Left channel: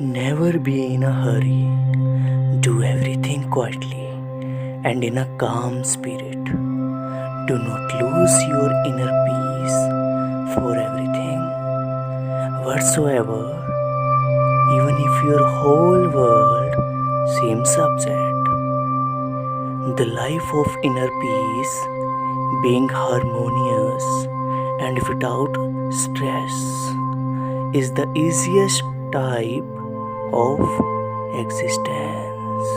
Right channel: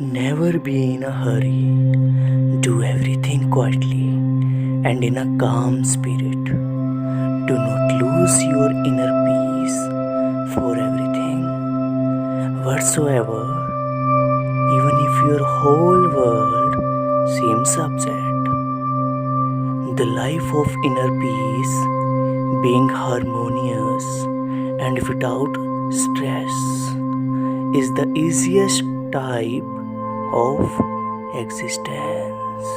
Never be in a hurry. Do everything quietly and in a calm spirit. Do not lose your inner peace for everything. Whatsoever, even if your whole world seems upset. The life of inner peace, being harmonious and without stress, is the easiest type of existence.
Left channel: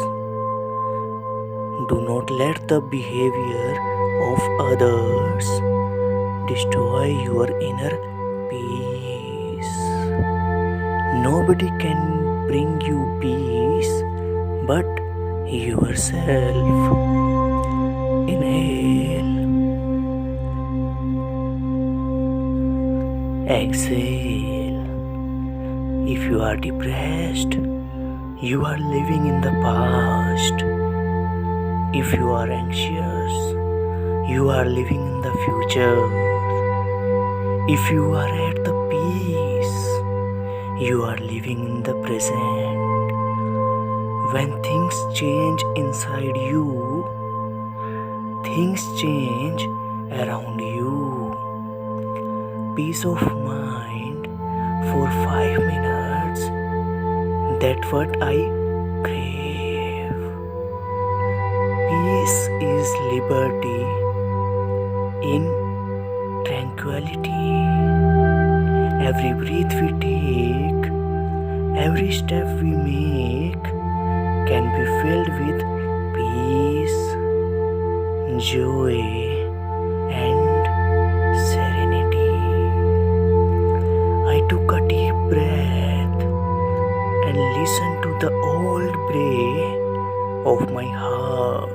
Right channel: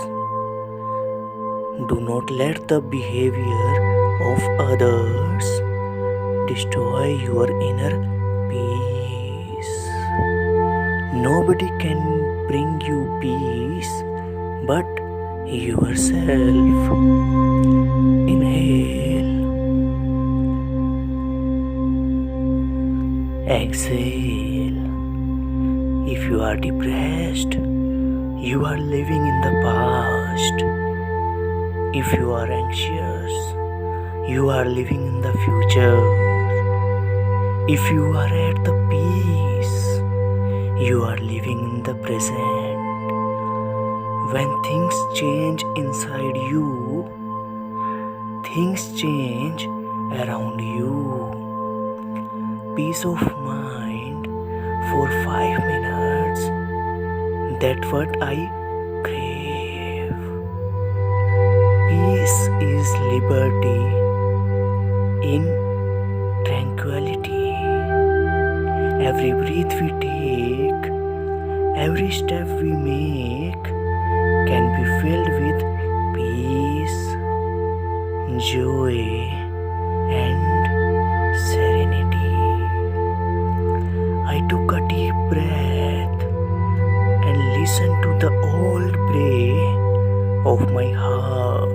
Do not let the behavior of others destroy your inner peace. Nobody can bring you peace but yourself. Inhale, exhale. If you are depressed, you are living in the past. If you are anxious, you are living in the future. If you are at the peace, you are living in the present. When things change inside you, things change around you. Peace of mind for 5 minutes, that's what I crave. Peace is liberty in tranquility. Every breath we take, every step we make can be filled with peace, joy, and serenity. I took a deep breath and listened to the old bray of my heart.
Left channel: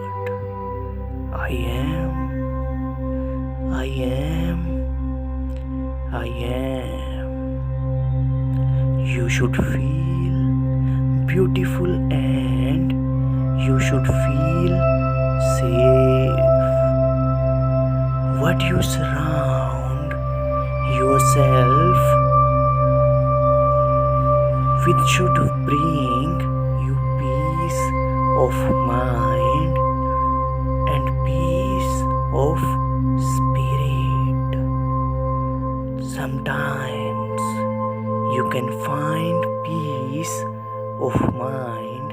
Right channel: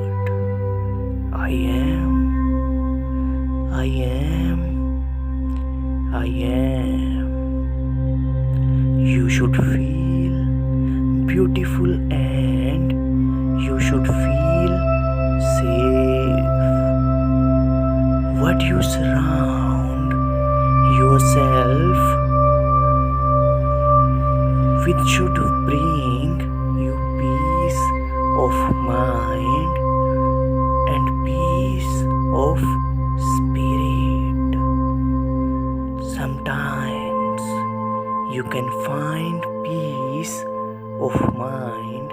I am. You should feel beautiful and you should feel safe. What you surround yourself with should bring you peace of mind and peace of spirit. Sometimes you can find peace of mind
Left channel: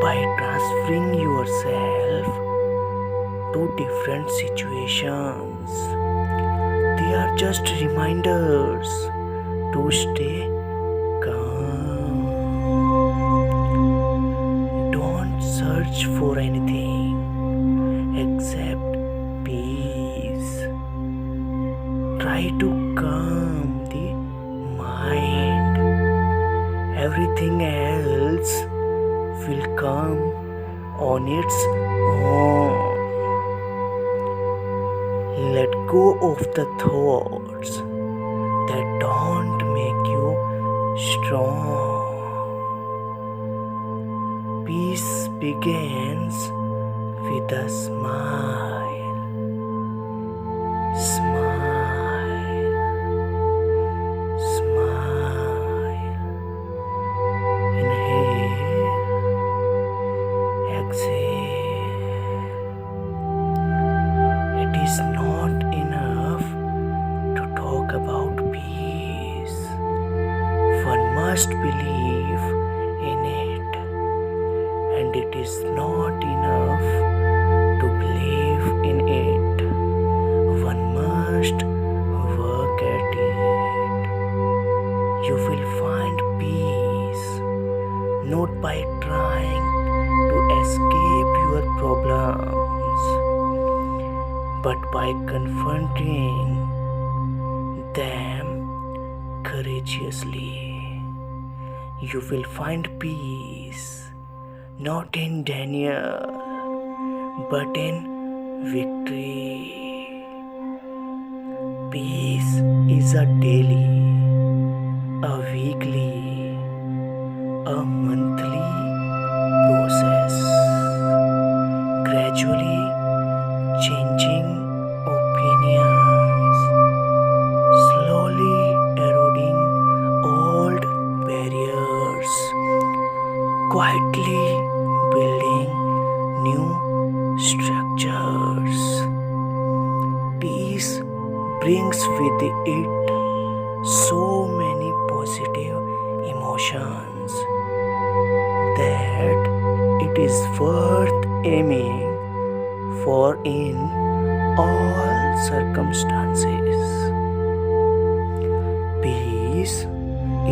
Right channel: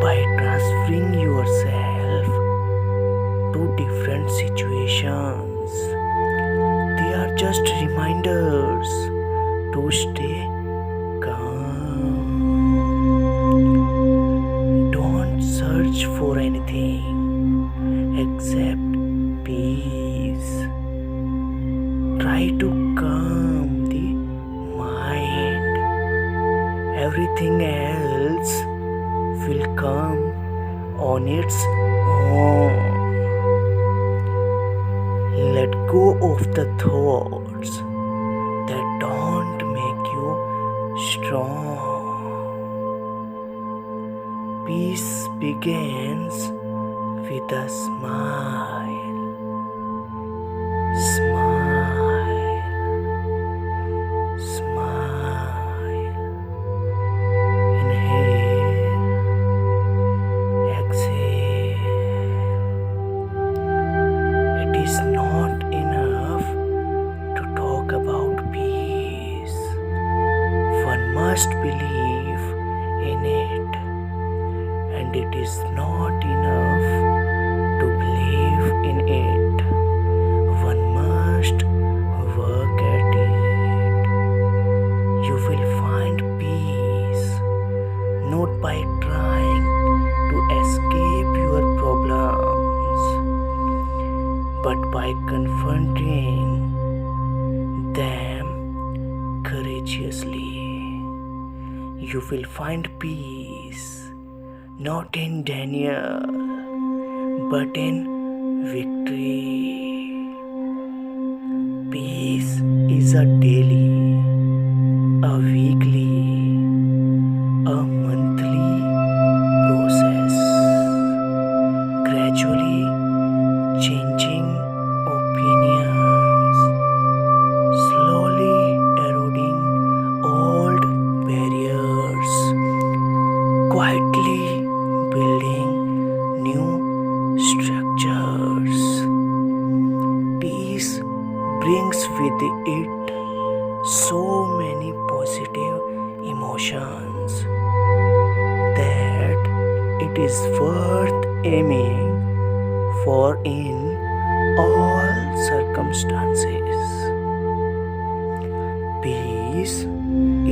by transferring yourself to different situations. They are just reminders to stay calm. Don't search for anything except peace. Try to calm the mind. Everything else will come on its own. Let go of the thoughts that don't make you strong. Peace begins with a smile. Smile. Smile. Inhale. Exhale. It is not enough to talk about peace. One must believe in it. And it is not enough to believe in it. One must work at it. You will find peace not by trying to escape your problems, but by confronting them courageously. You will find peace not in denial, but in victory. Peace is a daily, a weekly, a monthly process, gradually changing opinions, slowly eroding old barriers. quietly building new structures. Peace brings with it so many positive emotions that it is worth aiming for in all circumstances. Peace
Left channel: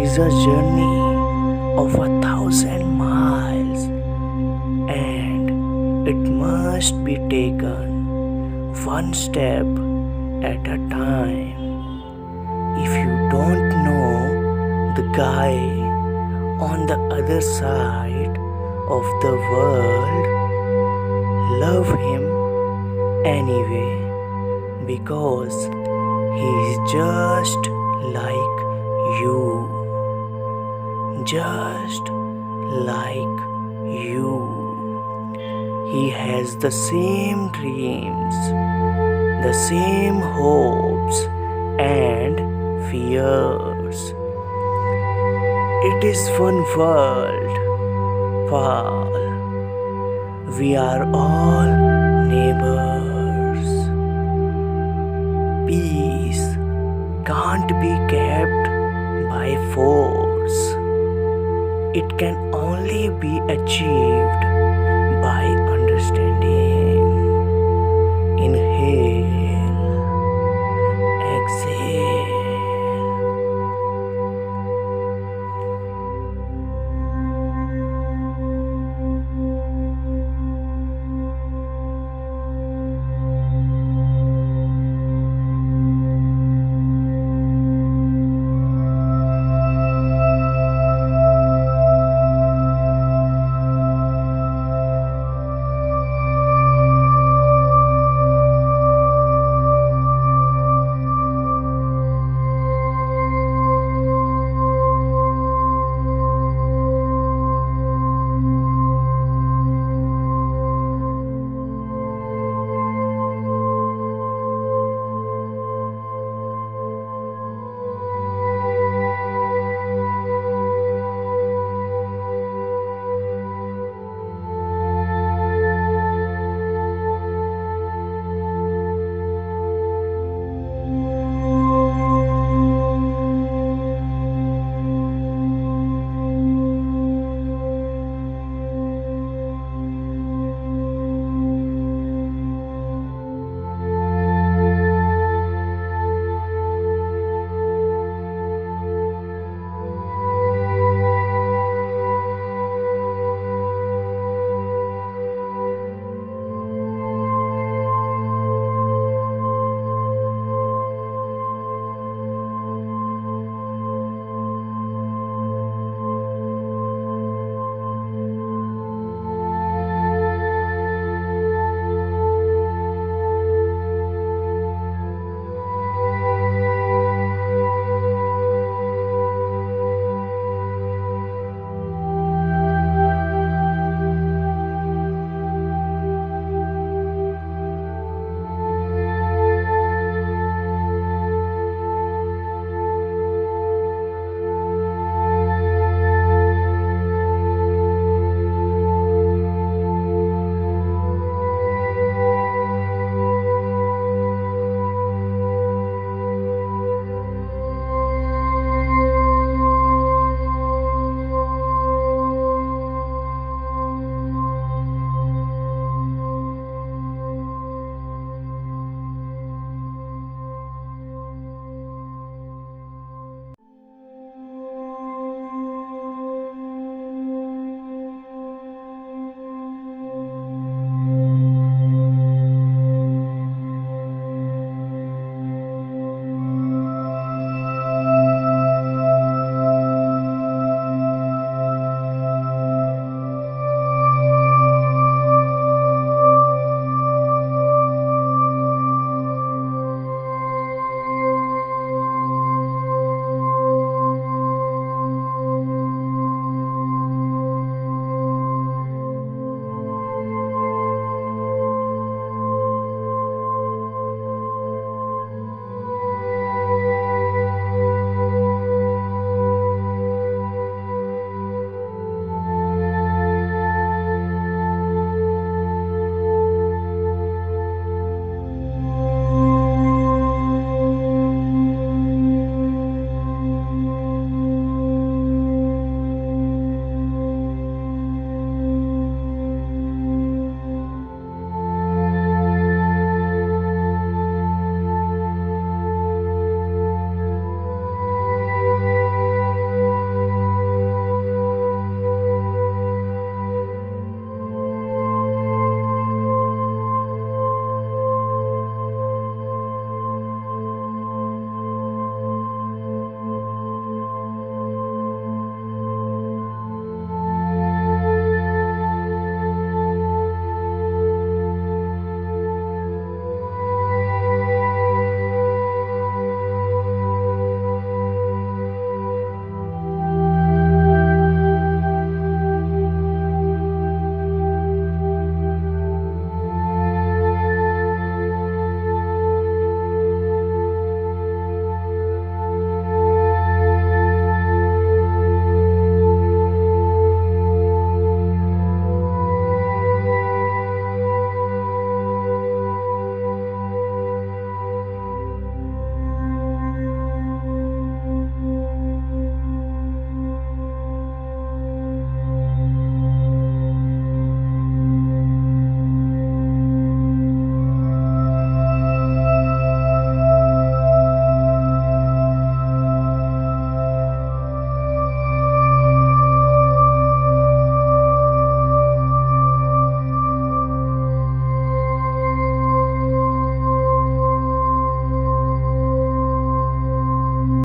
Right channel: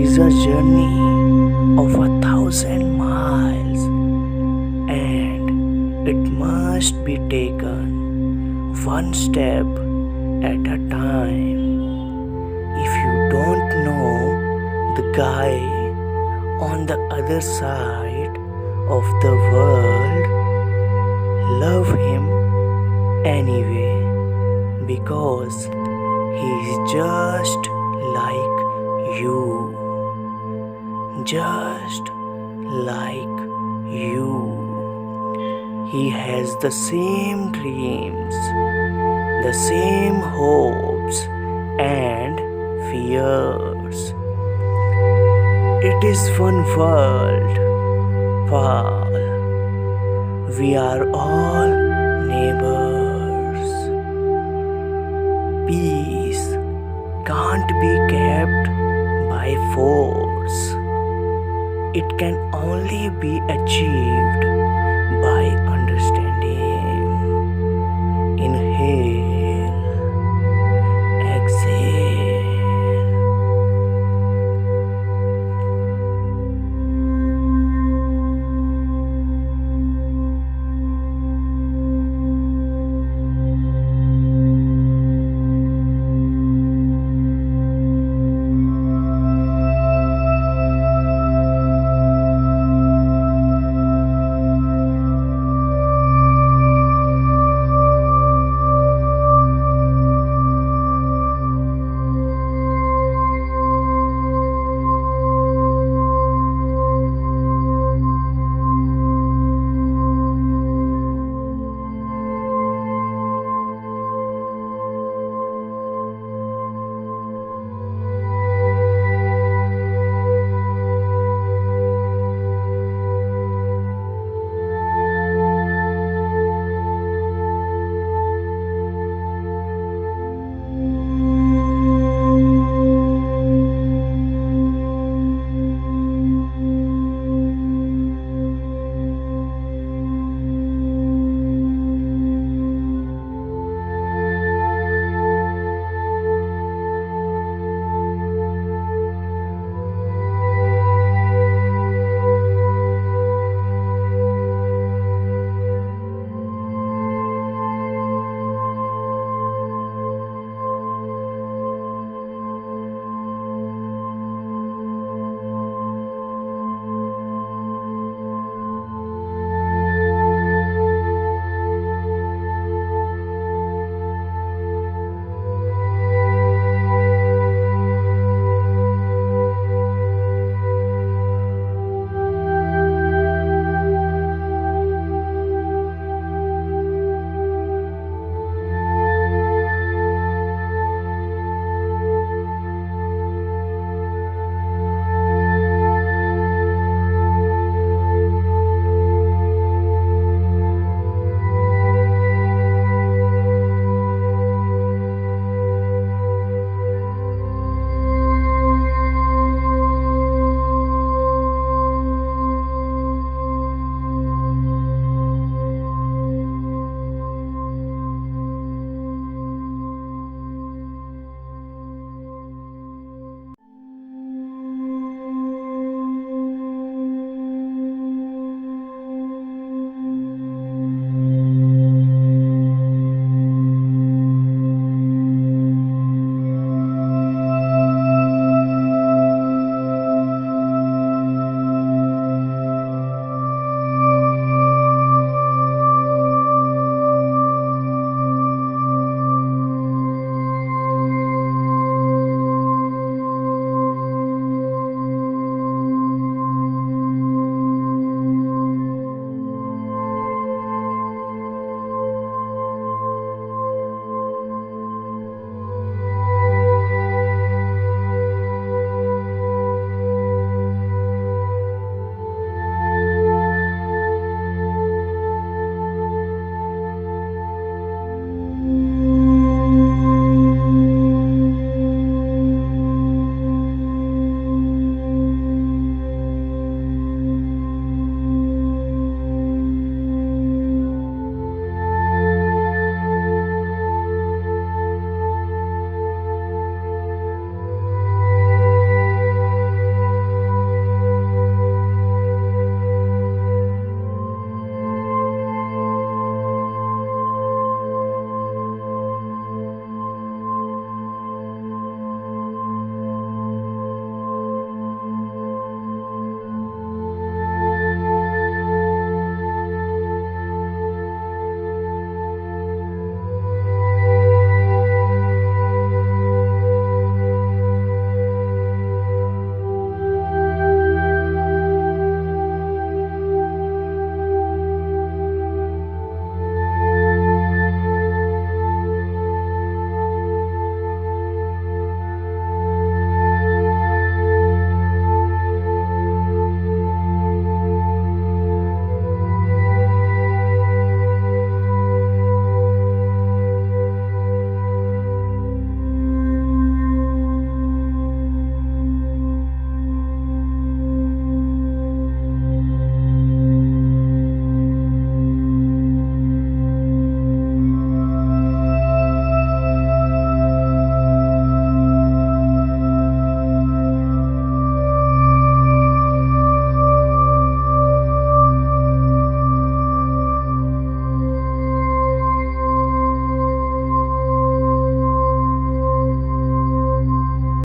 is a journey of 1,000 miles, and it must be taken one step at a time. If you don't know the guy on the other side of the world, love him anyway, because he is just like you. Just like you. He has the same dreams, the same hopes and fears. It is one world, Paul. We are all neighbors. Peace can't be kept by force. It can only be achieved